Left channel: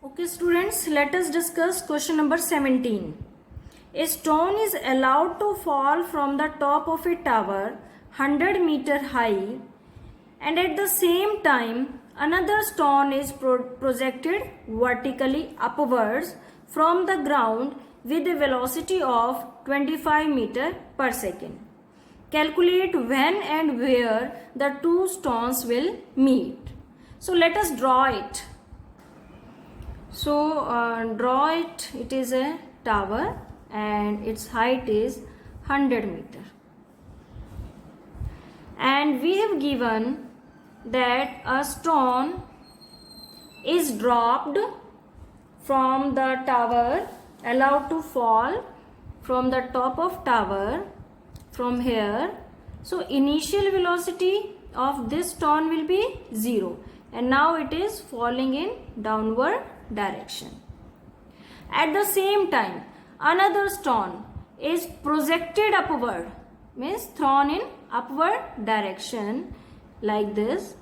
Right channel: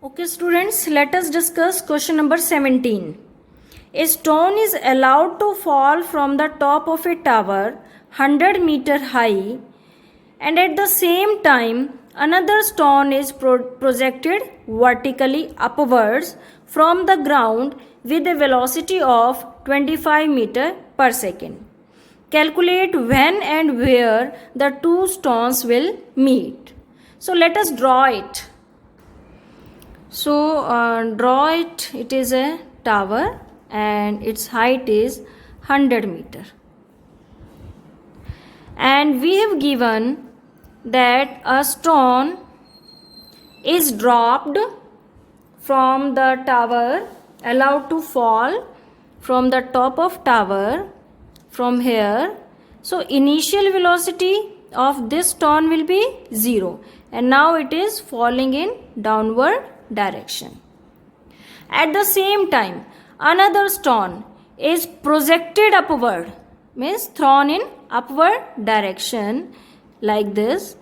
Okay students, let us discuss question number 17. A stone is allowed to fall from the top of a tower 100 meter high, and at the same time another stone is projected vertically upwards from the ground with a velocity of 25 meter per second. Calculate when and where the two stones will meet. So let us draw it. So draw it. It is a tower and its height is 100 meter, and we have given that a stone is dropped from the tower, allowed to fall from the top of tower from here. So initial velocity of this stone will be 0, and now it is falling in downward direction. At the same time another stone is projected upward, means thrown in upward direction like this,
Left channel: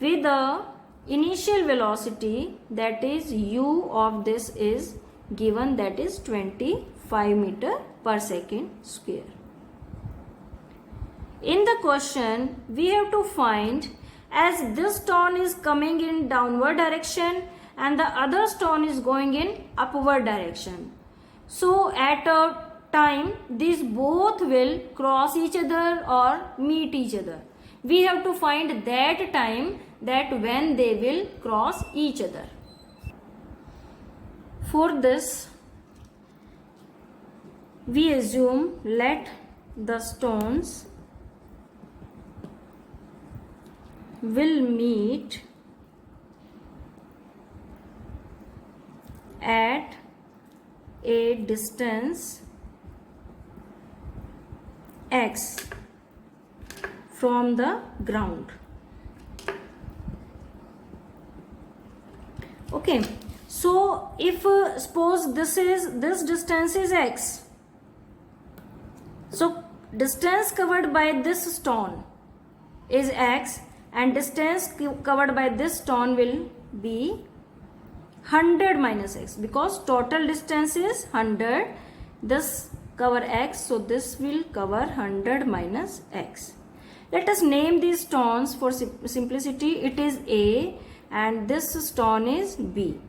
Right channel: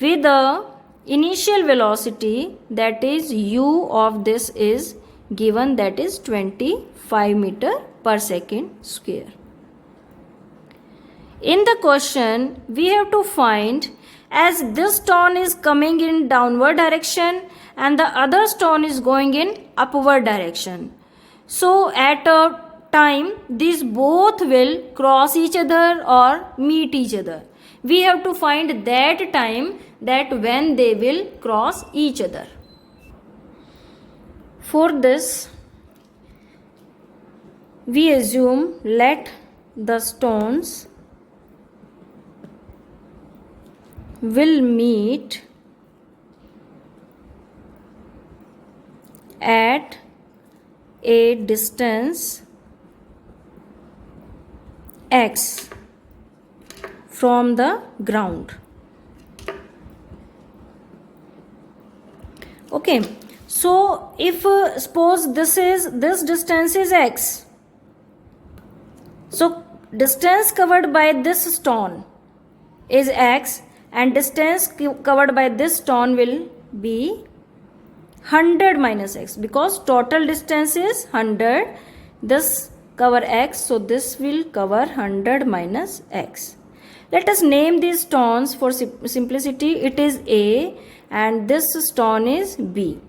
with the initial velocity, that is u of this is given, that is 25 meter per second square. In the question we have to find, as this stone is coming in downward direction and the other stone is going in upward direction, so at a time these both will cross each other or meet each other. We have to find that time, that when they will cross each other. For this we assume, let the stones will meet at a distance x from the ground. Okay, so if suppose this distance is x, so distance covered by this stone is x, and distance covered by this stone will be 100 minus x, because total distance is 100. This cover x, so this will cover 100 minus x. Let us name these stones for simplicity. It is A and this stone is B.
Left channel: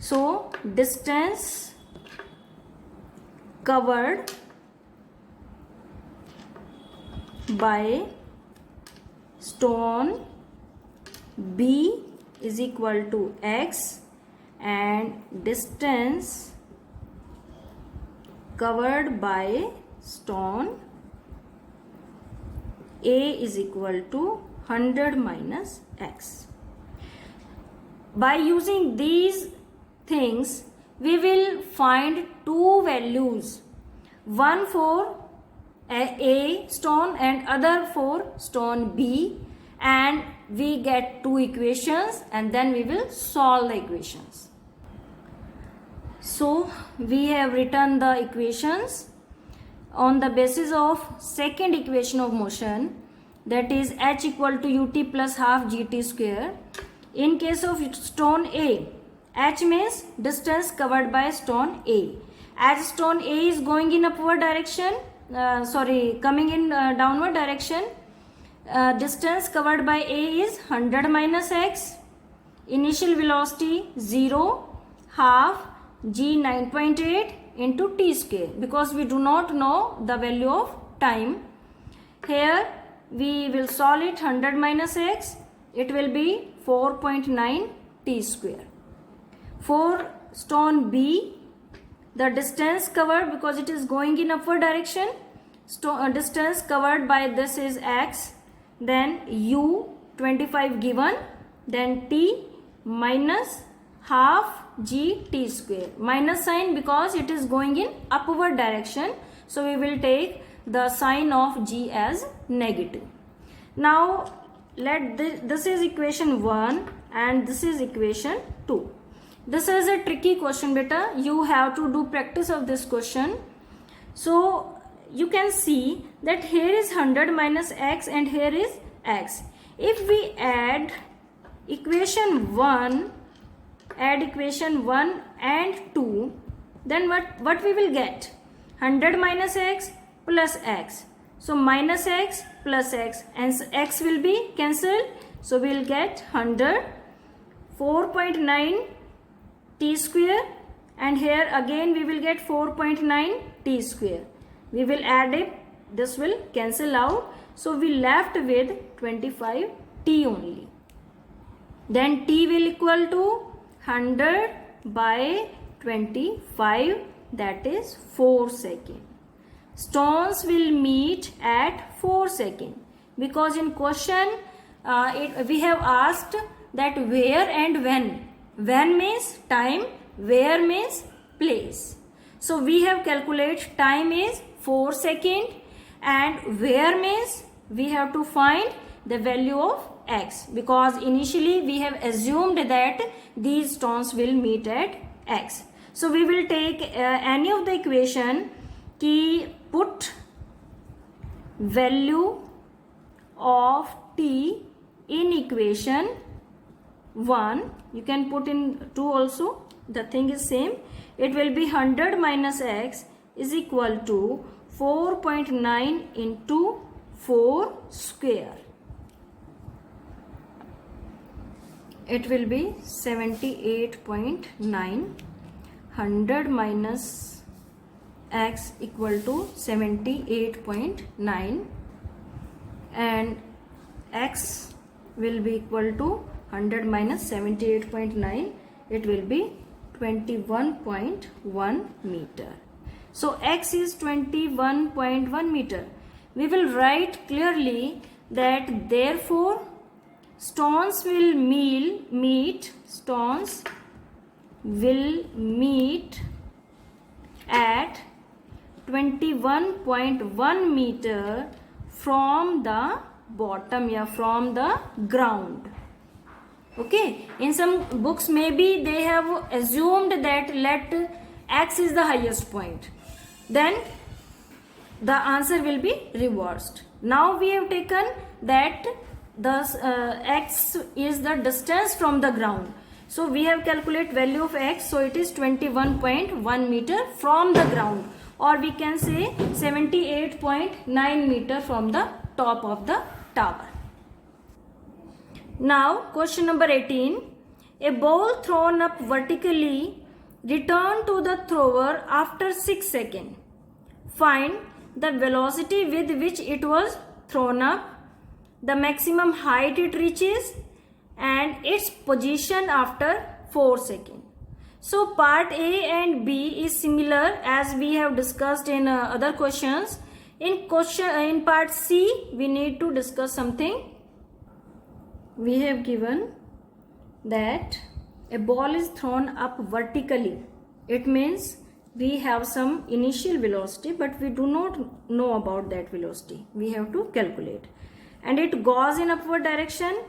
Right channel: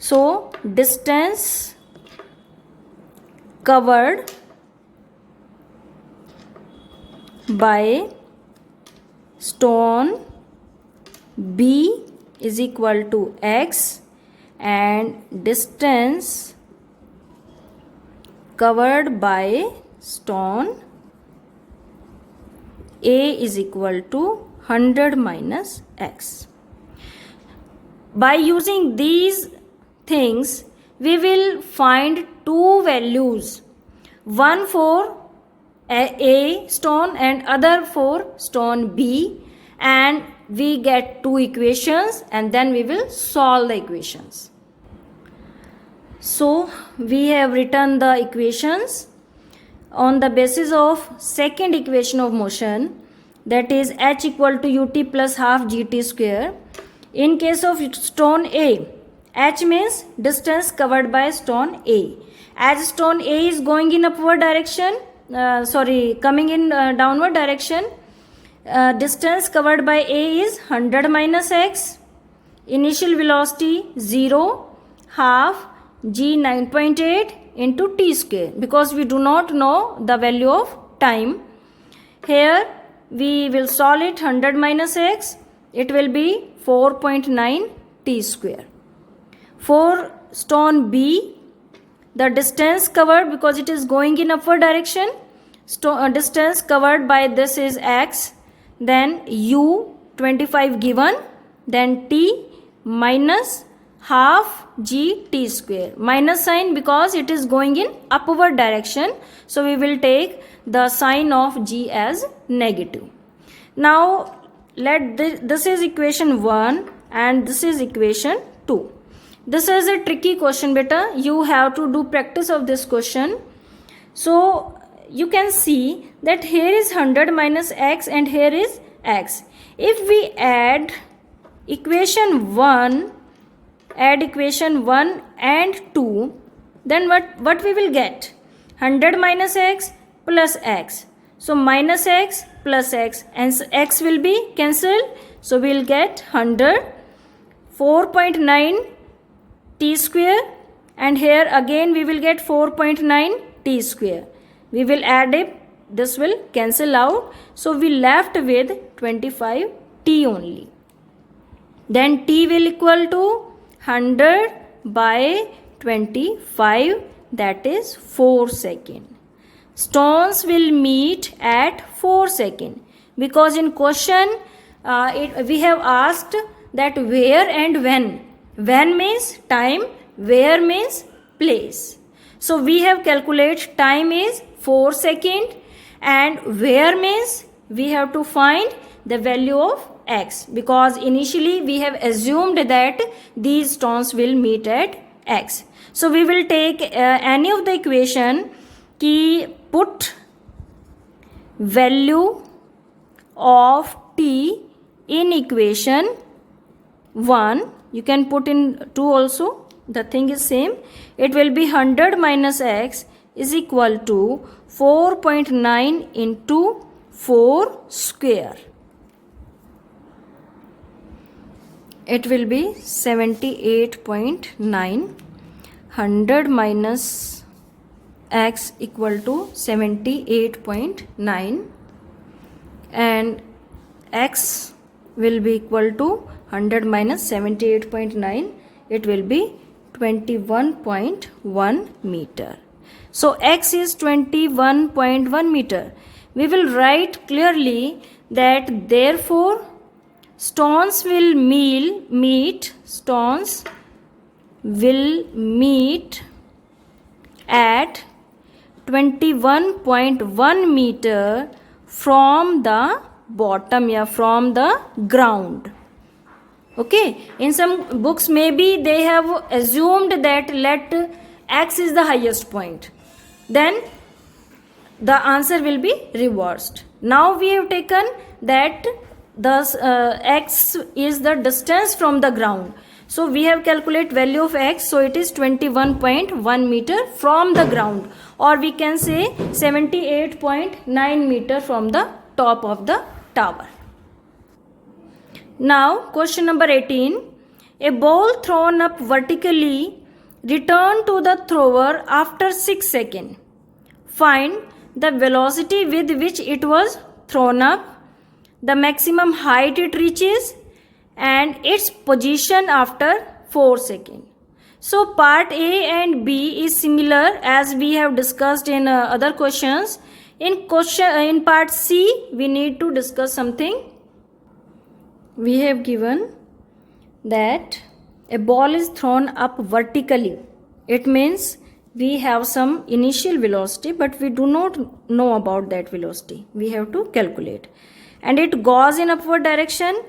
So distance covered by stone B is equal to x, and distance covered by stone A is equal to 100 minus x. By using these things we will find two values, one for A stone and other for stone B, and we get two equations and then we will solve the equations. So we have written the equations on the basis of second equation of motion, that is h equal to ut plus half gt square. In case of stone A, h means distance covered by stone A. As stone A is going in upward direction, coming in downward direction, distance covered by A is 100 minus x, initial velocity 0, half g 9.8 into t square, because we do not know the value of time. Here we will solve it. 100 minus x, it will be 4.9 t square. For stone B, the distance covered, because it is going in upward direction, distance covered by this is x, then u 25 given, then t minus half g t square, minus sign because it is going in upward direction, so we will take the sign of g as negative. Now let this is equation 1 and this is equation 2. This is a tricky question beta, you have to do practice of this question. So you can see that here is 100 minus x and here is x. If we add equation 1 add equation 1 and 2, then what we will get? 100 minus x plus x. So minus x plus x, and x will be cancelled. So we will get 100, 4.9 t square, and here again we will get 4.9 t square. We will add it, this will cancel out. So we left with 25 t only. Then t will equal to 100 by 25, that is 4 seconds. Stones will meet at 4 seconds, because in question we have asked that where and when. When means time, where means place. So we have calculated time is 4 seconds, and where means we have to find the value of x, because initially we have assumed that these stones will meet at x. So we will take any of the equation ki put value of t in equation 1. You can put in 2 also, the thing is same. It will be 100 minus x is equal to 4.9 into 4 square. It will be 78.9. 100 minus x equal to 78.9, and x will be equal to 100 minus 78.9. It will be 21.1 meter. So x is 21.1 meter. We will write clearly that therefore stones will meet at 21.1 meter from the bottom, from the ground. Okay, in some books maybe they have assumed that let x is the highest point, then the answer will be reversed. Now we have taken that thus x is the distance from the ground. So we have calculated value of x, so it is 21.1 meter from the ground, or we can say 78.9 meter from the top of the tower. Now question number 18. A ball thrown up vertically returned to the thrower after 6 seconds. Find the velocity with which it was thrown up, the maximum height it reaches, and its position after 4 seconds. So part A and B is similar as we have discussed in other questions. In part C we need to discuss something. We have given that a ball is thrown up vertically. It means we have some initial velocity, but we do not know about that velocity. We have to calculate. And it goes in upward direction.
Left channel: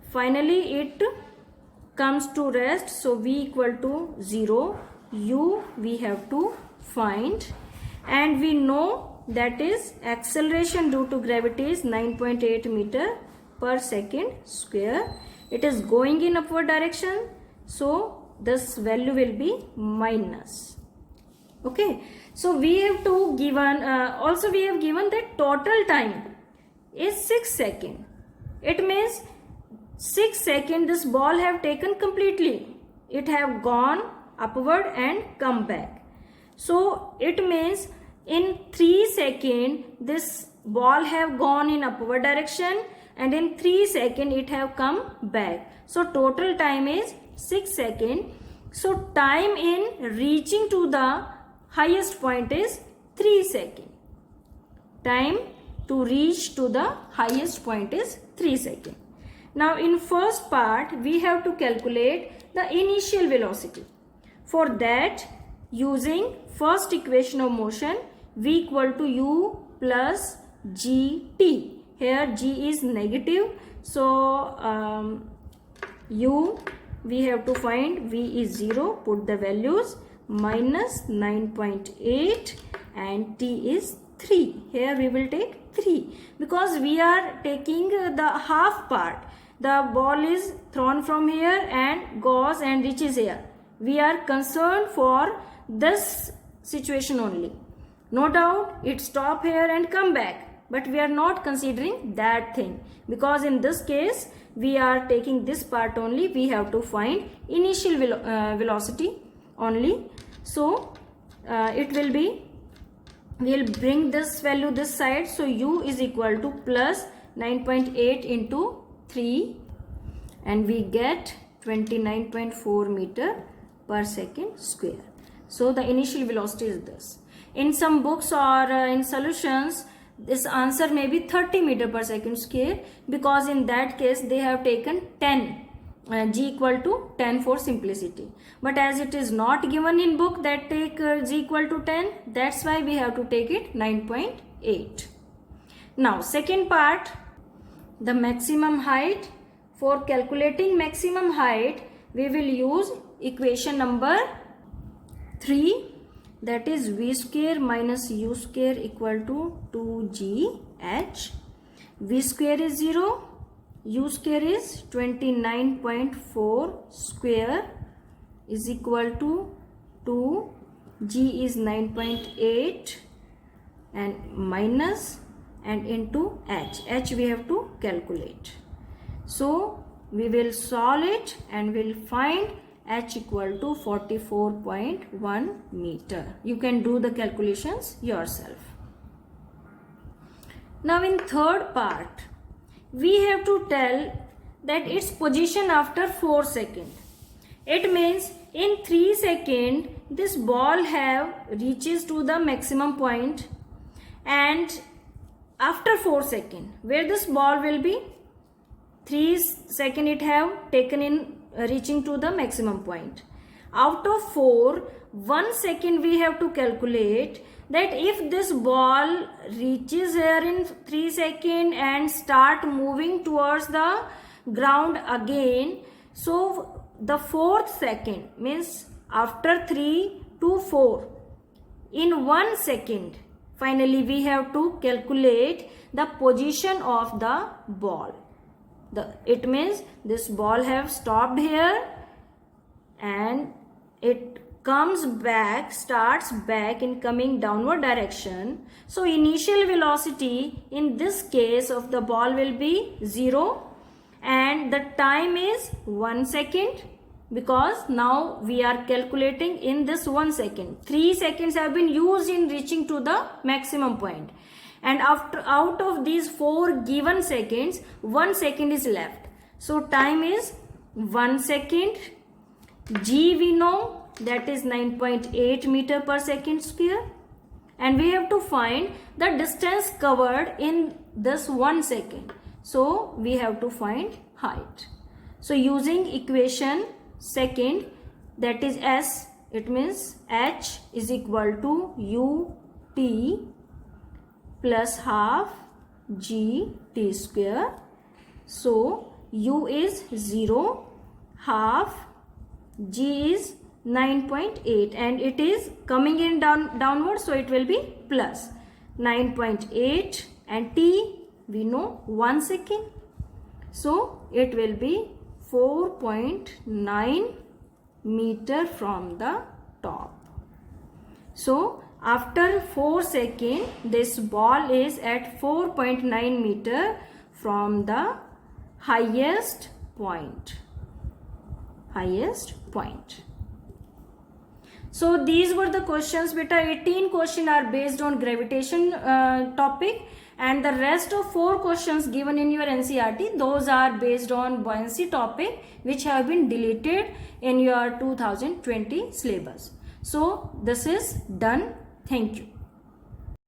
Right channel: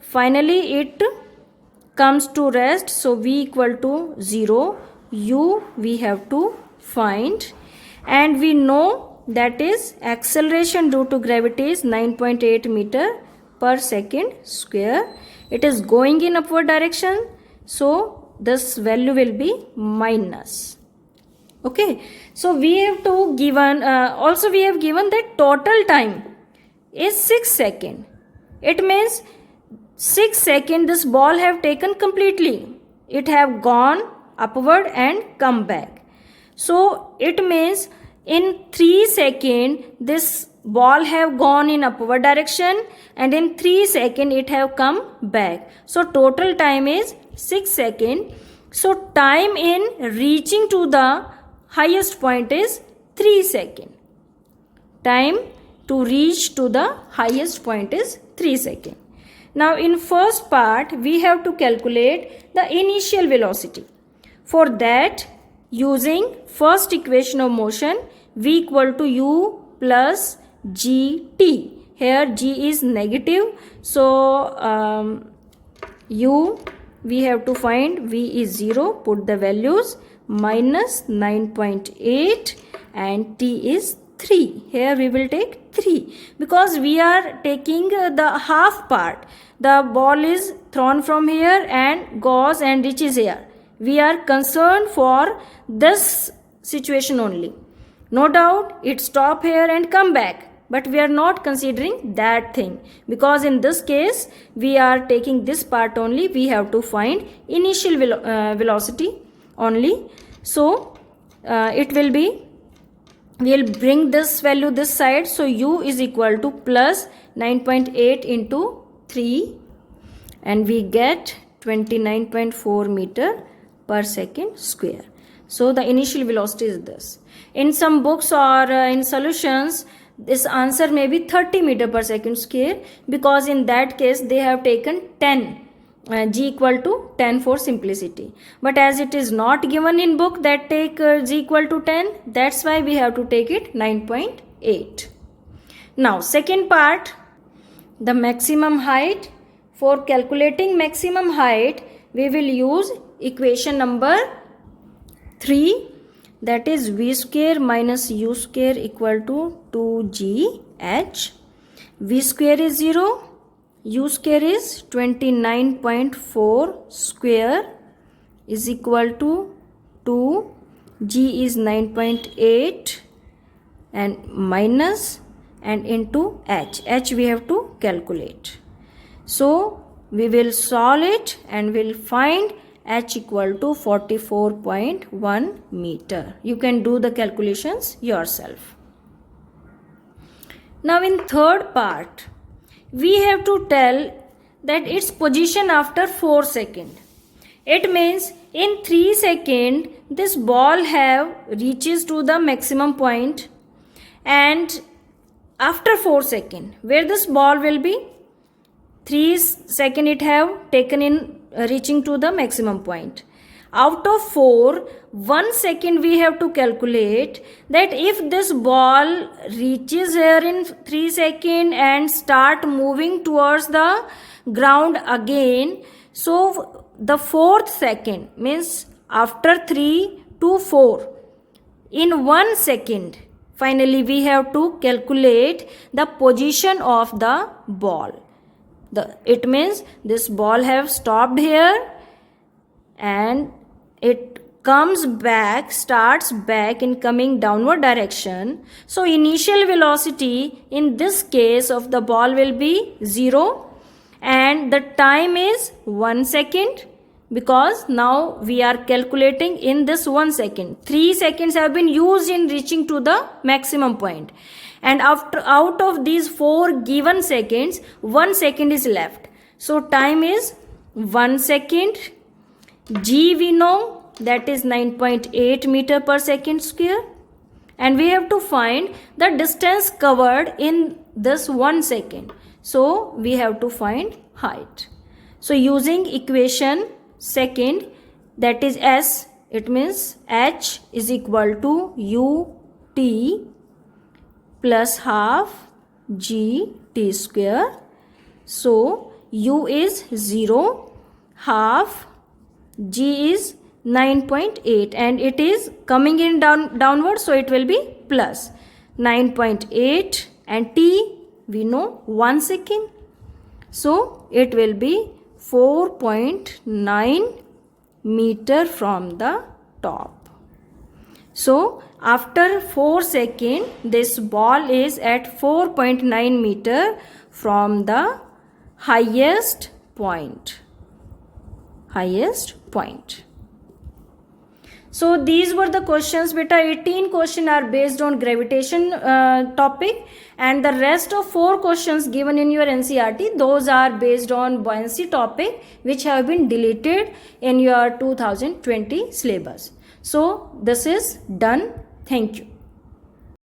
Finally it comes to rest. So v equal to 0. U we have to find. And we know that is acceleration due to gravity is 9.8 meter per second square. It is going in upward direction. So this value will be minus. Okay. So we have to given also we have given that total time is 6 seconds. It means 6 seconds this ball have taken completely. It have gone upward and come back. So it means in 3 seconds this ball have gone in upward direction, and in 3 seconds it have come back. So total time is 6 seconds. So time in reaching to the highest point is 3 seconds. Time to reach to the highest point is 3 seconds. Now in first part we have to calculate the initial velocity. For that, using first equation of motion, v equal to u plus gt. Here g is negative, so u we have to find, v is 0, put the values, minus 9.8 and t is 3. Here we will take 3 because we are taking the half part. the ball is thrown from here and goes and reaches here. We are concerned for this situation only. No doubt it stop here and come back, but we are not considering that thing, because in this case we are taking this part only. We have to find initial velocity only. So it will be, we will bring this value this side. So u is equal to plus 9.8 into 3, and we get 29.4 meter per second square. So the initial velocity is this. In some books or in solutions, this answer may be 30 meter per second square, because in that case they have taken 10, g equal to 10 for simplicity. But as it is not given in book that take g equal to 10, that's why we have to take it 9.8. Now second part, the maximum height. For calculating maximum height, we will use equation number 3, that is v square minus u square equal to 2gh. V square is 0, u square is 29.4 square is equal to 2, g is 9.8 and minus and into h we have to calculate. So we will solve it and we'll find h equal to 44.1 meter. You can do the calculations yourself. Now in third part, we have to tell that its position after 4 seconds. It means in 3 seconds this ball have reaches to the maximum point, and after 4 seconds where this ball will be, 3 seconds it have taken in reaching to the maximum point. Out of 4, 1 second we have to calculate that if this ball reaches here in 3 seconds and start moving towards the ground again, so the 4th second means after 3 to 4, in 1 second finally we have to calculate the position of the ball. It means this ball have stopped here and it comes back, starts back in coming downward direction. So initial velocity in this case of the ball will be 0, and the time is 1 second, because now we are calculating in this 1 second. 3 seconds have been used in reaching to the maximum point. And out of these 4 given seconds, 1 second is left. So time is 1 second. G we know, that is 9.8 meter per second square. And we have to find the distance covered in this 1 second. So we have to find height. So using equation second, that is S, it means H is equal to UT plus half g t square. So u is 0, half, g is 9.8, and it is coming in downward, so it will be plus 9.8, and t we know 1 second, so it will be 4.9 meter from the top. So after 4 seconds, this ball is at 4.9 meter from the highest point. So these were the questions, beta. 18 questions are based on gravitation topic, and the rest of 4 questions given in your NCERT, those are based on buoyancy topic, which have been deleted in your 2020 syllabus. So this is done. Thank you.